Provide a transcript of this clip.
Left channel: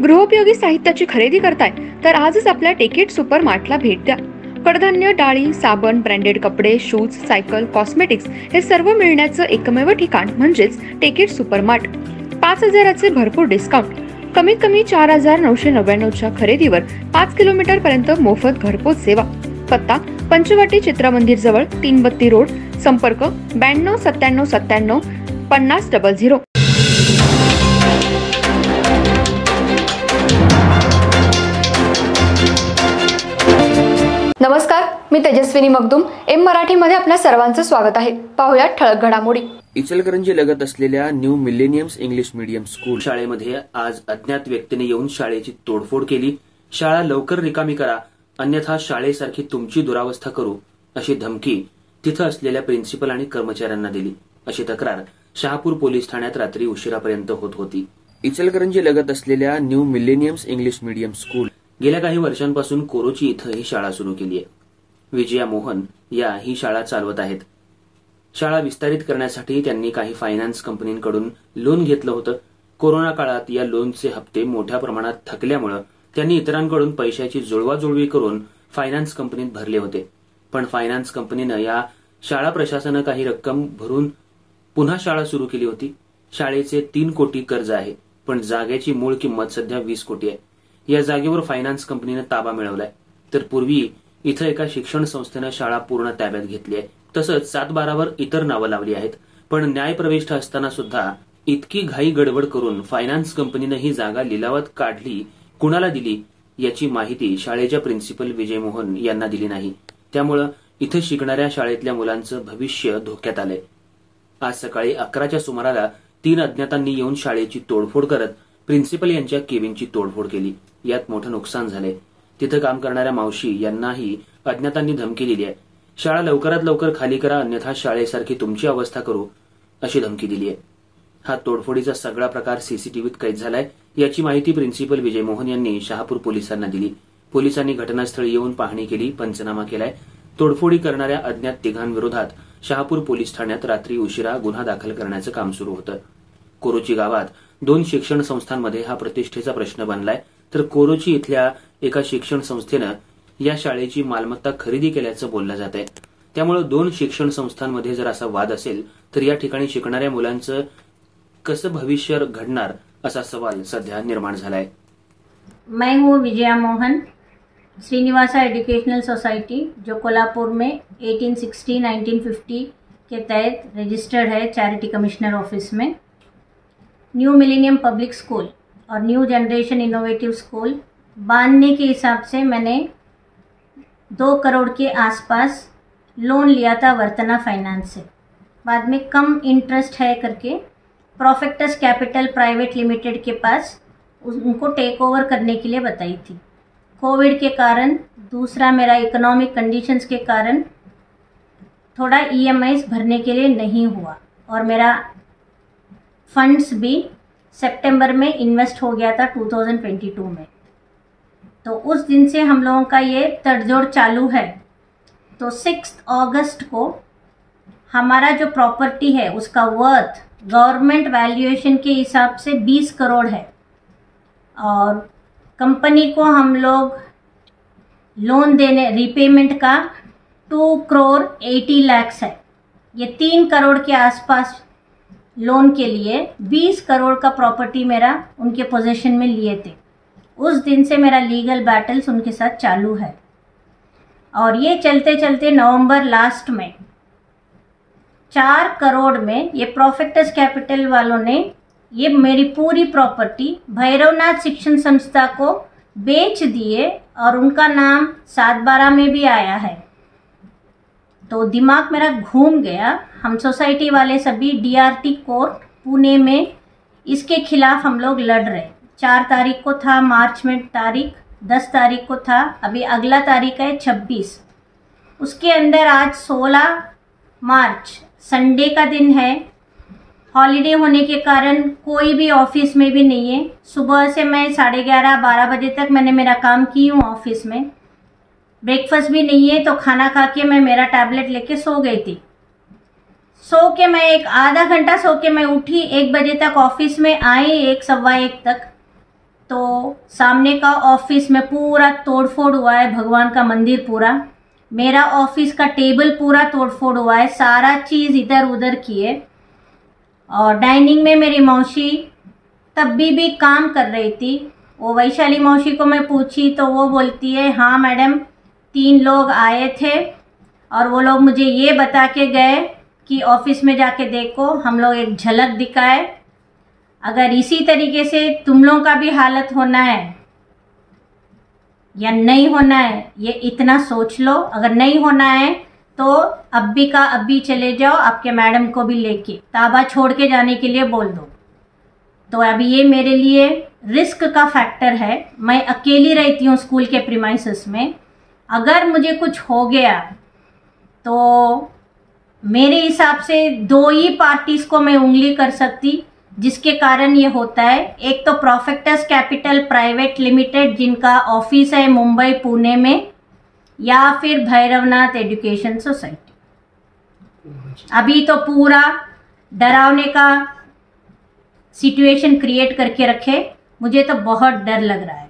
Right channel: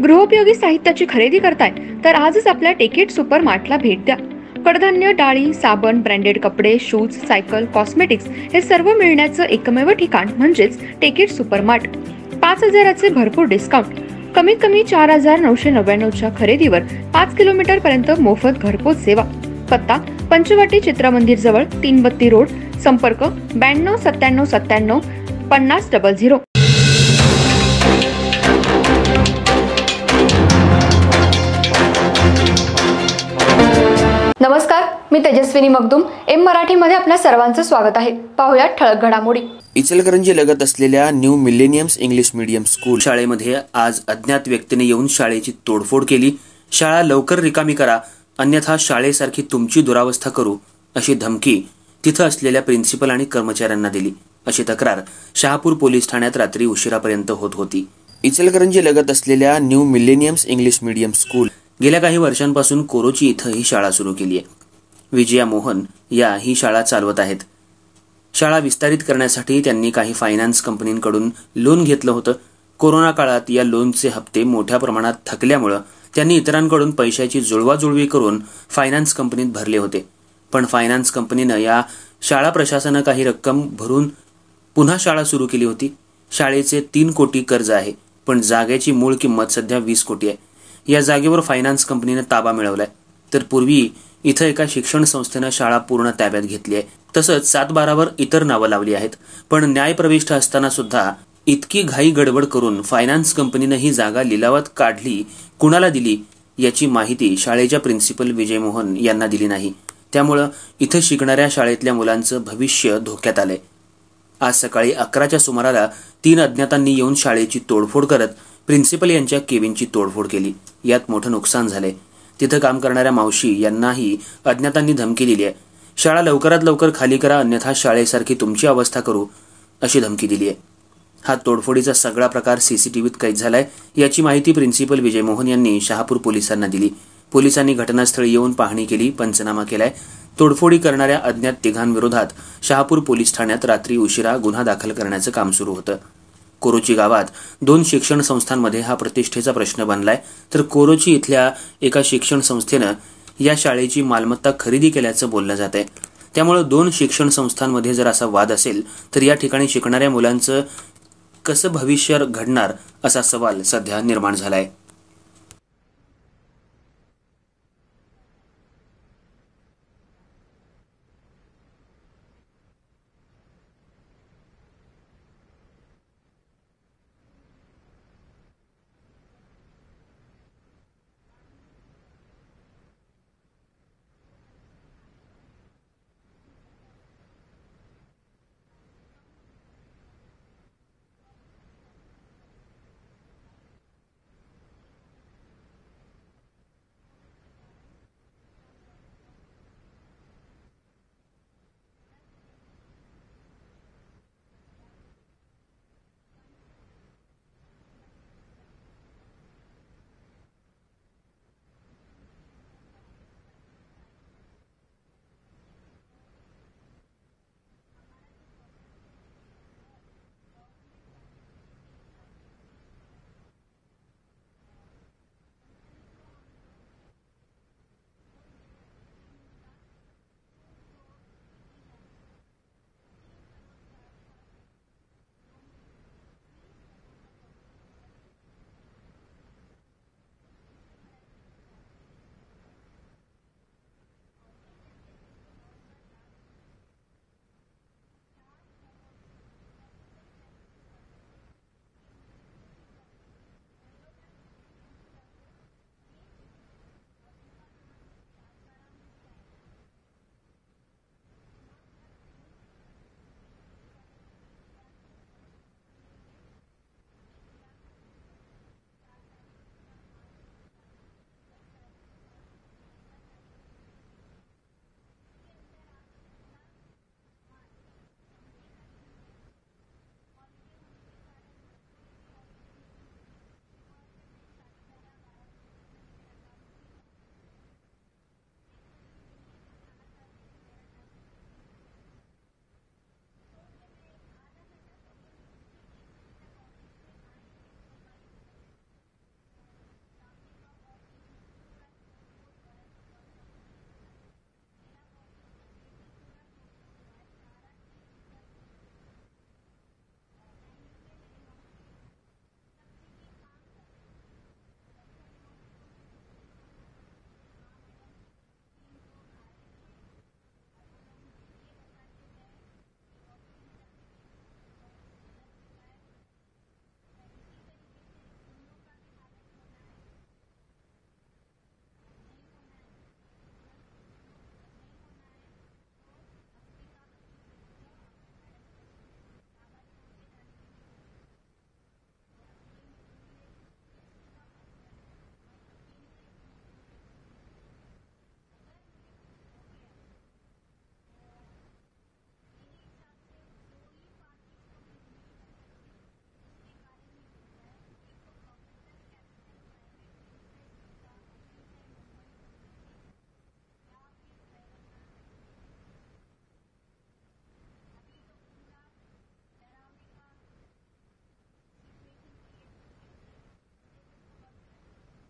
गृहोपयोगी साहित्याची खरेदी करताय तर आजच आपल्या टेकेट सुपर मार्टला भेट द्या. कडधान्य, डाळी, साबण, ब्रँडेड कपडे, शूज, सायकल, कॉस्मेटिक्स हे सर्व मिळण्याचं एकमेव ठिकाण म्हणजेच टेकेट सुपर मार्ट. 5,000चे भरपूर डिस्काउंट. कमीत कमी 4,999च्या खरेदीवर 5 किलोमीटर पर्यंत मोफत घरपोच सेवा. पत्ता पंचवटी चित्रमंदिर जवळ, 3 बत्ती रोड. संपर्क 92 97 97 50 00. नमस्कार, मी तेजस्विनी मगदूम. एम मराठीमध्ये आपल्या सर्वांचं स्वागत आहे. पाहूया ठळक घडामोडी. इचलकरंजी लगत असलेल्या new millenniums English medium school शाळेमध्ये आज अज्ञात व्यक्तीने येऊन शाळेची तोडफोड केली. शाळा लवकर रिकामी करा, अन्यथा शाळेसारखी तुमची दुरावस्था करू, अशी धमकी तिथं असलेल्या प्रिन्सिपल आणि कर्मचाऱ्यांना दिली, अशी तक्रार शहापूर पोलीस ठाण्यात रात्री उशिरापर्यंत होत होती. इचलकरंजी लगत असलेल्या new millenniums English medium school गेल्या काही वर्षांपासून कोरोची इथं ही शाळा सुरू केली आहे. विजया मोहन या ही शाळा चालवत आहेत. शाळा विस्तारित करण्यासाठी त्यांनी काही फायनान्स कंपनींकडून लोन घेतलं होतं. कोरोना काळात या लोनचे हप्ते मोठ्या प्रमाणात थकल्यामुळे त्यांनी इतरांकडून पैशाची जुळवाजुळवी करून फायनान्स कंपनीत भरले होते. पण फायनान्स कंपनीनं या शाळा प्रशासनानं काही रक्कम भरून पुन्हा शाळा सुरू केली होती. शाळेचे 3 कोटी कर्ज आहे, पण जागेची मूळ किंमत सध्या 20 कोटी आहे. या जागेवर फायनान्स कंपनीने ताबा मिळवलाय. तर पूर्वी इथं एका शिक्षण संस्थेनं शाळा पूर्ण ताब्यात घेतली आहे. तसंच 7/12वर इतर नावं लावली आहेत. पण न्यायप्रविष्ट असताना सुद्धा इतकी घाई गडबड करून फायनान्स कंपनीनं ही जागा लिलावात काढली, कुणाला दिली याची माहिती शाळेच्या प्रिन्सिपल विजय मोहन यांना दिली नाही. त्यामुळं इथं शिकणाऱ्या शाळेतल्या मुलांचं भविष्य धोक्यात आलंय. आज सकाळी 11च्या सुमाराला 3 अज्ञातांनी येऊन शाळेची तोडफोड करत प्रिन्सिपल यांच्या केबिनची तोडफोड केली. यात मोठं नुकसान झालंय. तिथं काम करणाऱ्या मावशी यांनाही अज्ञातांनी धमकी दिली आहे. शाळा लवकरात लवकर खाली करा, अन्यथा शाळेसारखी तुमची अवस्था करू, अशी धमकी दिली आहे. हा तोडफोडीचा सगळा प्रकार सीसीटीव्हीत कैद झालाय. याची माहिती प्रिन्सिपल विजय मोहन यांनी शहापूर पोलिसांना दिली. पोलिसांनी घटनास्थळी येऊन पाहणी केली, पंचनामा केलाय. तोडफोडी करणाऱ्या अज्ञात तिघांविरोधात शहापूर पोलीस ठाण्यात रात्री उशिरा गुन्हा दाखल करण्याचं काम सुरू होतं. कोरोची गावात 2 शिक्षण संस्थांमध्ये हा प्रतिष्ठेचा प्रश्न बनलाय. तर कोरोची इथल्या एका शिक्षण संस्थेनं या शाळेची मालमत्ता खरेदी केल्याचं बोललं जात आहे. त्यामुळे 2 शिक्षण संस्थांमध्ये जर असा वाद असेल तर या ठिकाणी शिकणाऱ्या मुलांचं कसं भविष्य घडणार, असा सवाल सध्या निर्माण झालाय. मैं हूँ विजया मोहन. श्रीनिवासा एजुकेशनल सोसाइटी जो कोल्हापुर में 1860-1950 के तहत रजिस्टर्ड है चैरिटी कमिश्नर ऑफिस में. न्यू मिलेनियम पब्लिक स्कूल और न्यू जनरेशन इनोवेटिव स्कूल बांधने के हिसाब से मैंने 2 करोड़ के आसपास लोन लिया था वर्तना फाइनेंस से. बाद में कम इंटरेस्ट है करके प्रोफेक्टस कैपिटल प्राइवेट लिमिटेड के पास उनको टेक ओवर करने के लिए बताई थी. कोविड के कारण, दूसरा मेरा इकोनॉमिक कंडीशंस के कारण थोड़ा EMIs भरने के लिए नहीं हुआ और मेरा फंड्स भी सितंबर में इन्वेस्ट हो गया था 2022 में. तो उस दिन से हम लोगों का ये तड़जोड़ चालू है. तो 6 अगस्त को हमारा जो प्रॉपर्टी है उसका वर्थ गवर्नमेंट वैल्यूएशन के हिसाब से 20 करोड़ है और कंपनी को हम लोग लोन देने रिपेमेंट का 2 करोड़ 80 लाख है. ये 3 करोड़ के आसपास लोन के लिए 20 करोड़ का प्रॉपर्टी मेरा उनके पोजीशन में लिए थे. उस दिन से मेरा लीगल बैटल्स उनके साथ चालू है और ये चलते चलते नवंबर लास्ट में 4 करोड़ में ये प्रोफेक्टस कैपिटल वालों ने ये मेरी पूरी प्रॉपर्टी भैरवनाथ शिक्षण संस्था को बेच दिए और उनका नाम 7/12 में भी आया है. तो दिमाग मेरा घूम गया. हम सोसाइटी वाले सभी DRT कोर्ट पुणे में इसके खिलाफ हम लोग लड़ रहे. 4 तारीख को था मार्च में तारीख, 10 तारीख को था, अभी अगला तारीख है 26. उसके अंदर आज 16 मार्च संडे का दिन है. हॉलीडे होने के कारण कोई भी ऑफिस में भी नहीं है. सुबह से मैं 11:30-12 बजे तक मैंने मेरा काम की हूँ ऑफिस में. ब्रेकफास्ट भी नहीं है, तो खाना खा के मैं मेरा टैबलेट लेके सो गई थी. सो के मैं एक आधा घंटा सो के मैं उठी, 1 बजे तक ऑफिस में आई, 1 सवा 1 तक. तो सामने का ऑफिस में पूरा तोड़फोड़ हुआ है, भगवान का मंदिर पूरा, मेरा ऑफिस का टेबल पूरा तोड़फोड़ हुआ है, सारा चीज़ इधर उधर किए। और डाइनिंग में मेरी मौसी तब भी काम कर रही थी। वो वैशाली मौसी को मैं पूछी तो वो बोलती है हाँ मैडम 3 लोग आए थे और वो लोग मुझे ये बता के गए कि ऑफिस में जाके देखो, हम लोग एक झलक दिखाए। अगर इसी तरीके से तुम लोगों का भी हालत होना है या नहीं होना है ये इतना सोच लो। अगर नहीं होना है तो अभी का अभी चले जाओ, आपके मैडम को भी लेके ताबा छोड़ के जाने के लिए बोल दो। तो अभी ये मेरे लिए रिस्क का फैक्टर है। मैं अकेली रहती हूँ स्कूल के प्रीमाइसेस में। अगर मुझे कुछ हो गया तो मेरे हिसाब से 2 ही पार्टीज को मैं उंगली कर सकती जिसके कारण ये होता है। एक तो प्रोफेक्टस कैपिटल प्राइवेट लिमिटेड जिनका ऑफिस है मुंबई पुणे में, या फिर भैरवनाथ एजुकेशन सोसाइटी। अभी तो पूरा डरावने का सिचुएशन क्रिएट करके रखे, मुझे तो बहुत डर लग रहा है।